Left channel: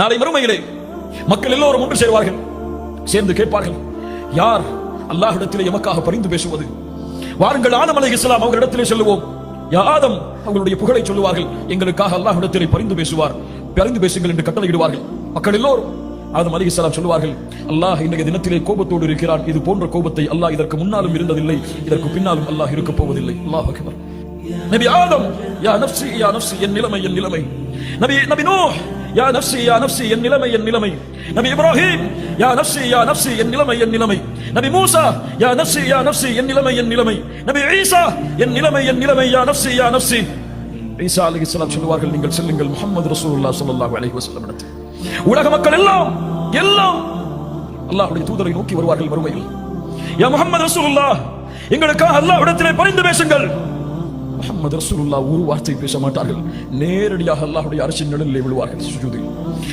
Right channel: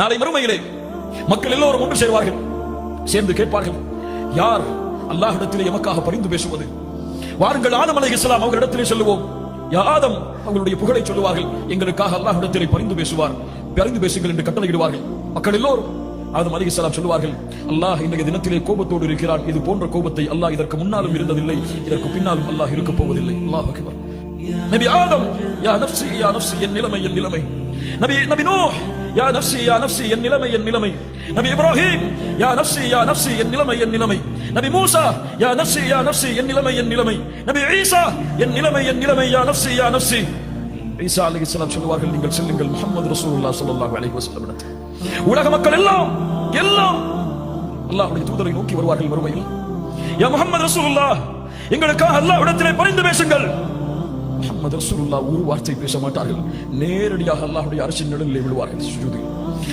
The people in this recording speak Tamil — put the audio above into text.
நாளை மறுமையிலே மக்கள் எல்லோரும் ஒன்று சேர்வார்கள். சேர்ந்து கேட்பார்கள், யார் அல்லாஹ்விடத்திலே எமக்காக பரிந்து பேசுவது? வாருங்கள், ஆதம் அலைஹிஸ்ஸலாம் அவர்களிடத்திலே செல்லுவோம். யா ஆதம், அவர்களுடைய புகழை சொல்லுவார்கள். எங்களுக்காக அல்லாஹ்விடத்திலே பரிந்து பேசுவார், பரிந்து பேசுங்கள் என்று கட்டளையிடுவார்கள். மக்கள் எல்லோரும் ஆதம் அலைஹிஸ்ஸலாம் சொல்லுவார்கள், அல்லாஹ் இன்றைய தினத்திலே கோபத்தோடு இருக்கிறான். இது போன்ற கோபத்தை அல்லாஹ் இதற்கு முன்னாலும் இருந்ததில்லை, இதற்கு பின்னாலும் அல்லாஹ் இருக்க போவதில்லை. அல்லாஹ் அக்பர். நபி ஆதம், யா நஃப்ஸி யா நஃப்ஸி, என் நிலைமை என் நிலைமை. நபி நூஹ், யா நஃப்ஸி யா நஃப்ஸி, என் நிலைமை என் நிலைமை. நபி இப்ராஹிம், யா நஃப்ஸி யா நஃப்ஸி, என் நிலைமை என் நிலைமை. நபி மூசா, யா நஃப்ஸி யா நஃப்ஸி, என் நிலைமை என் நிலைமை. நபி ஈசா, என் நிலைமை என் நிலைமை, யா நஃப்ஸி யா நஃப்ஸி. ஈசா அலைஹிஸ்ஸலாம் சொல்வார்கள், நீங்கள் செல்லுங்கள் முஹம்மது ரசூலுல்லாஹ் ஸல்லல்லாஹு அலைஹி வஸல்லம். உலக மக்கள் எல்லாம் அல்லாஹ்வுடைய தூதரை நோக்கி வருவார்கள் மறுமையில். யா முஹம்மது ரசூலுல்லாஹ், எங்களுக்காக அல்லாஹ்விடத்திலே பரிந்து பேசுங்கள். முஹம்மது ரசூலுல்லாஹ் ஒரு வார்த்தை பேச மாட்டார்கள். நேரடியாக அல்லாஹ்வுடைய அரிசின் நிழலிலே விழுவார்கள் சுஜூதில்.